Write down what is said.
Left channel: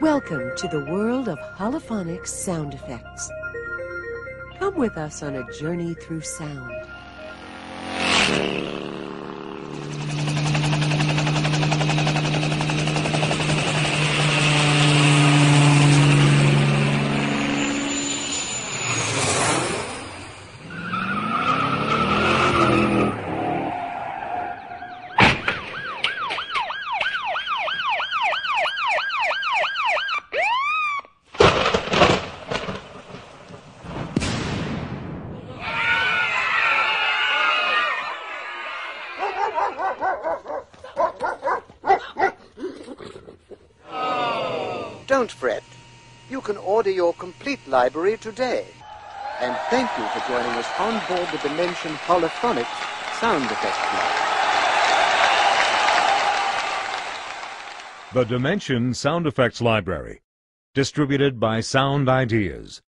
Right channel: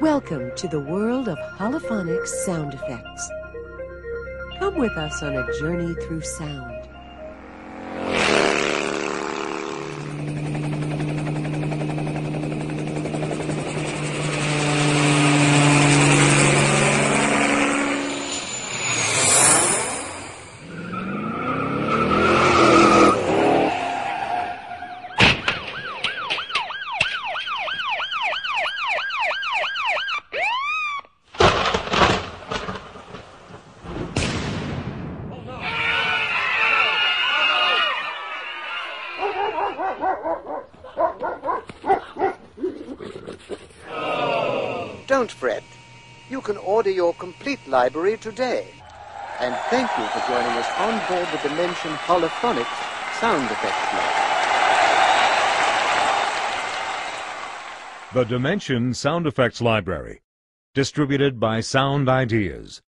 Welcome to the world of holophonic sound effects. Come with us on a journey through sound. Don't fret. You can order your complete library today. And thank you for joining us on board the Dimension Holophonics Sound Effects Lab. The Dimension Sound Effects Library, distributed by Sound Ideas.